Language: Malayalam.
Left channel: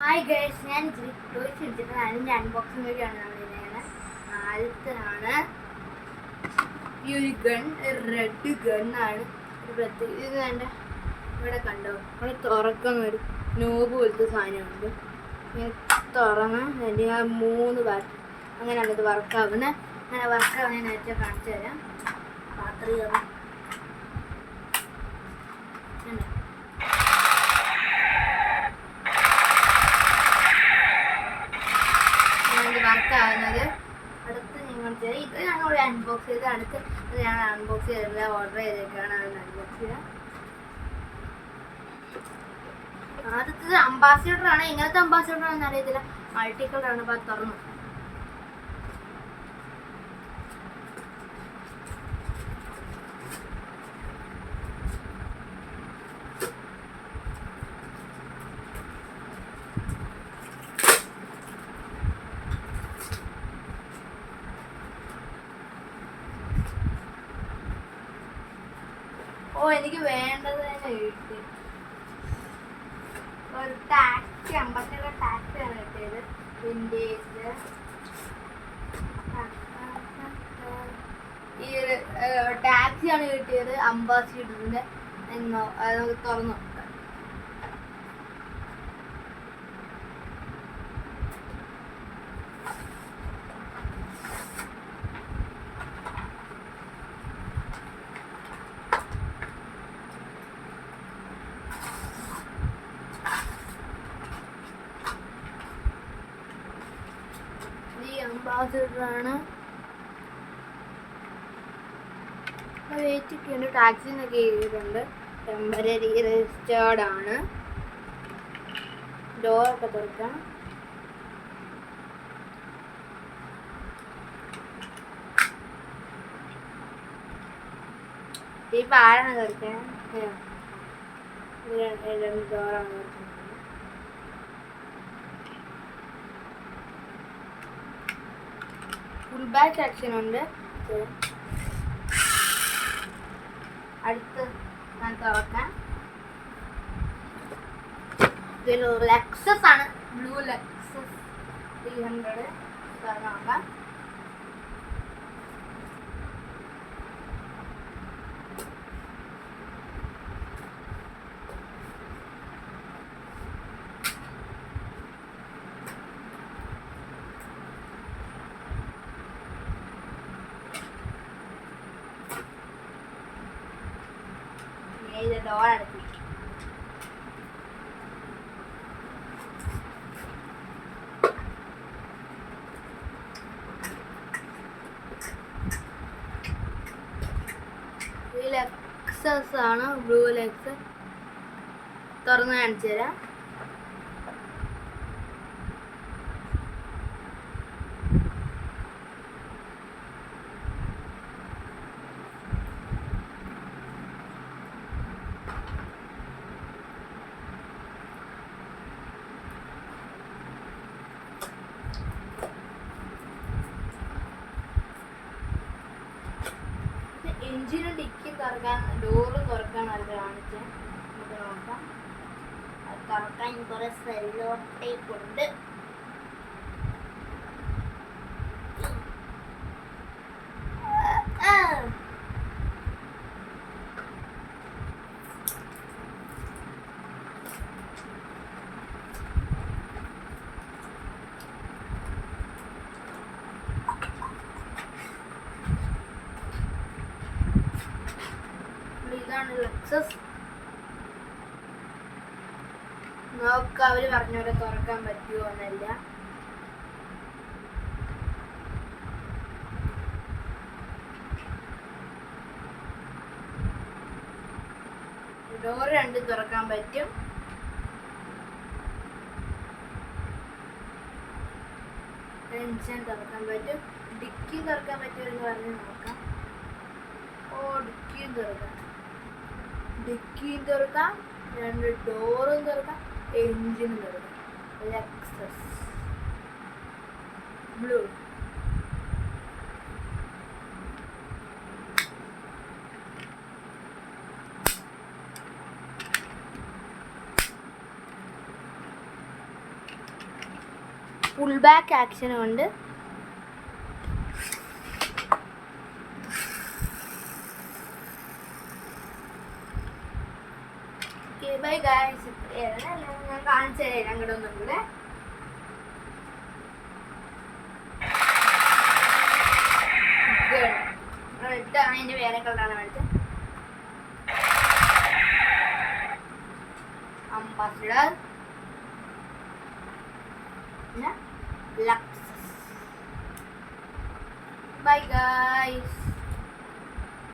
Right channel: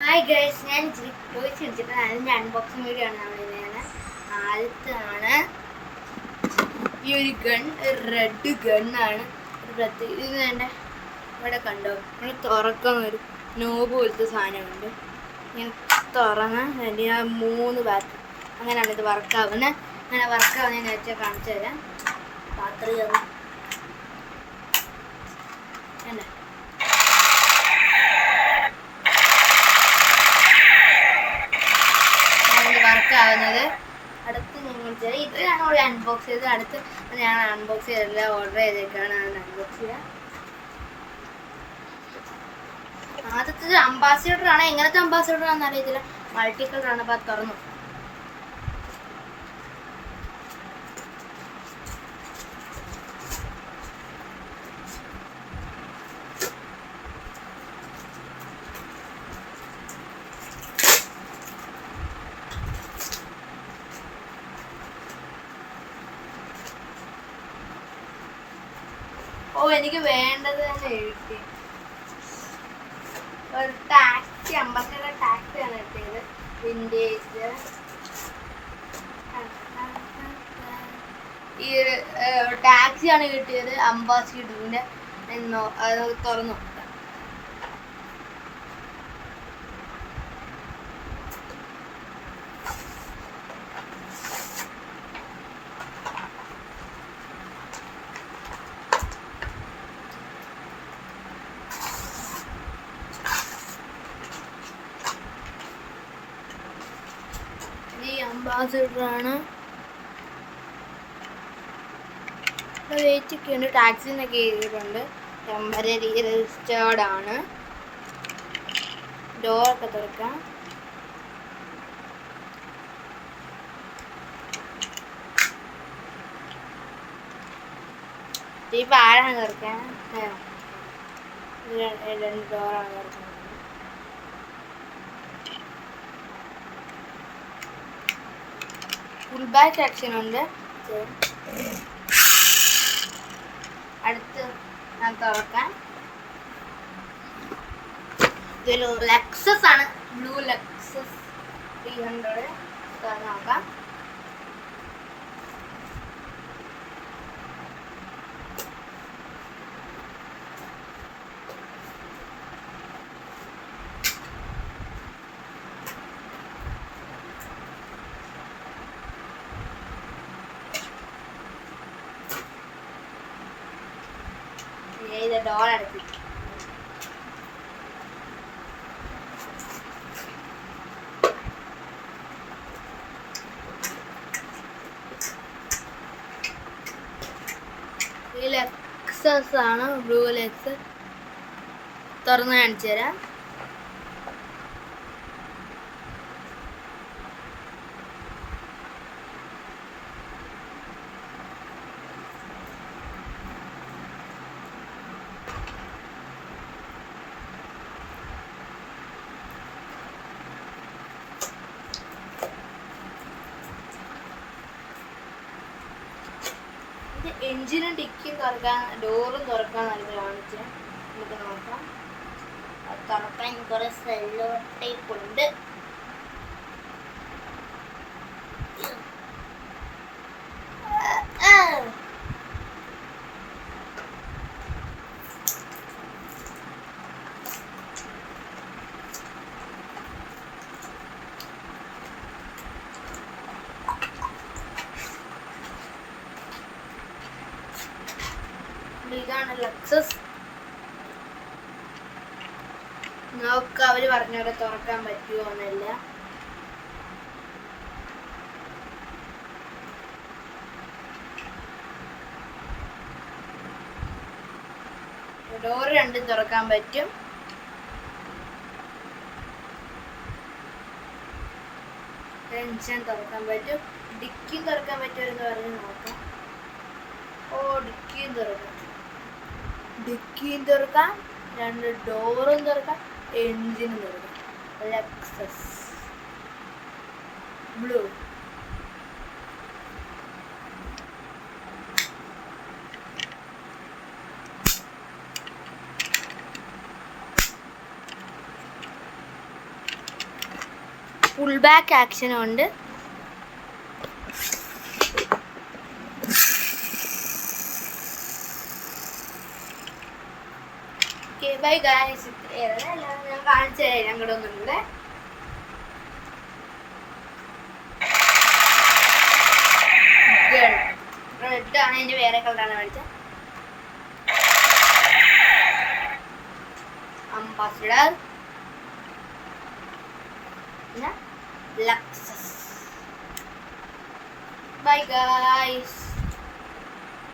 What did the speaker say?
ഹായ് ഗൈസ്, ഞാൻ ചോദിച്ചിട്ട് അതിൻ്റെ അൺബോക്സിങ് വീഡിയോ ആണ് നമ്മളിങ്ങനെ. ആദ്യത്താണ് ഈ ഒരു ഗൺ, റെഡ് ഗണ്ണാണ്. ഒരു പ്രത്യേക ഇത് എൻ്റെ ഇവിടെ കണ്ടോ, ഇവിടെ തുറക്കുന്ന ഒരു നോബ് പോലത്തെ സാധനമുണ്ട്. ഇങ്ങനെ തുറന്ന് അതിൻ്റെ ആ 3 ബാറ്ററി അങ്ങനെയാണ് ഇത് വർക്കാവുന്നത്. അങ്ങനെ വർക്കാവുന്ന ഞാൻ നേരത്തെ കാണിച്ചു തരാം. ബാറ്ററി അല്ലേ വർക്കാവുന്നത്. അടുത്ത് നിങ്ങൾ ഇത് ഞാൻ ഇവിടെ അൺബോക്സ് ചെയ്ത് അടുത്ത് ഞാൻ അൺബോക്സ് ചെയ്തില്ല, ഓർഡർ ചെയ്തേക്കാണ്. അതിന് അൺബോക്സ് ചെയ്യാം. ആദ്യത്തെ അംബാസിഡർ ആണ്. എങ്ങനത്തെ അംബാസിഡർ ആണെന്ന് അറിയത്തില്ല, മൾട്ടി കളർ ആണ്. അപ്പോൾ തുറന്നു. എനിക്ക് വേണ്ടത് തന്നെ എഴുതി. ഒരു ടാക്സി, അംബാസിഡർ ടാക്സി ആണ് കിട്ടിയത്. വിൻറ്റേജ് ഈ ടാക്സി ആണ് കിട്ടിയത്, അംബാസിഡറിന്റെ. എന്നോ അത് തുറന്നു. അംബാസിഡർ ആണ്. വെയിറ്റ് ഒക്കെ ഉണ്ട്. ടാക്സിന്നൊക്കെ എഴുതിയിട്ടുണ്ട്. ടെമ്പററി രജിസ്റ്റേർഡ് ആണ്. ഡോറൊക്കെ തുറക്കാം. ഇപ്പം ആരാണ് തുറക്കാൻ? 2 ഡോറാണ് തുറക്കുന്നത്. ഫുൾ ബാക്ക് ആക്ഷൻ ഉണ്ട്. അടുത്ത് ഞാൻ തുറക്കാം. ഇതൊരു ലെക്സസ് ആണ്, ബ്ലൂ ലെക്സസ് 300. തുറന്ന് നോക്കാം. ഇത് ഡോർ അടച്ചു. ഈ ലെക്സസ് ആണ്, ബ്ലൂ ലെക്സ്. തുറന്ന് കാണിച്ചു തരാം. എഞ്ചിനും ഡിക്കും തുറക്കാൻ, ഡോറും തുറക്കാൻ നല്ല കാണിച്ച് നമുക്ക് നോക്കാം. അത് തുറക്കാൻ കുറെ സെല്ലോ ടേപ്പ് ഉണ്ട്. ഇതാണ് ലെക്സസ്. നോക്ക, അവര് പറഞ്ഞവരെ തുറക്കാൻ പറ്റുമോ എന്നല്ല. ഡോർ 2 തുറക്കാൻ പറ്റും. എഞ്ചിൻ തുറക്കാൻ പറ്റും. ഡിക്കി തുറക്കാൻ പറ്റുമെന്ന് പറഞ്ഞ് നോക്കാം. ഡിക്കിയും തുറക്കാം. ഡിക്കിയും തുറക്കാം, 2 ഡോറും തുറക്കാം, എഞ്ചിനും തുറക്കാം. Lexus blue. പുൾ ബാക്ക് ആക്ഷനും ഉണ്ട്. Okay bye guys. ഞാൻ കാണിച്ചു തരാം ഞങ്ങളുടെ ഒന്നും കൂടെ. റെഡ് ആണ്, എൻ്റെ വേറെ കളറാണ് മേടിച്ചത്. അംബാസിഡർ, പിന്നെ ലക്സസ്. Bye guys.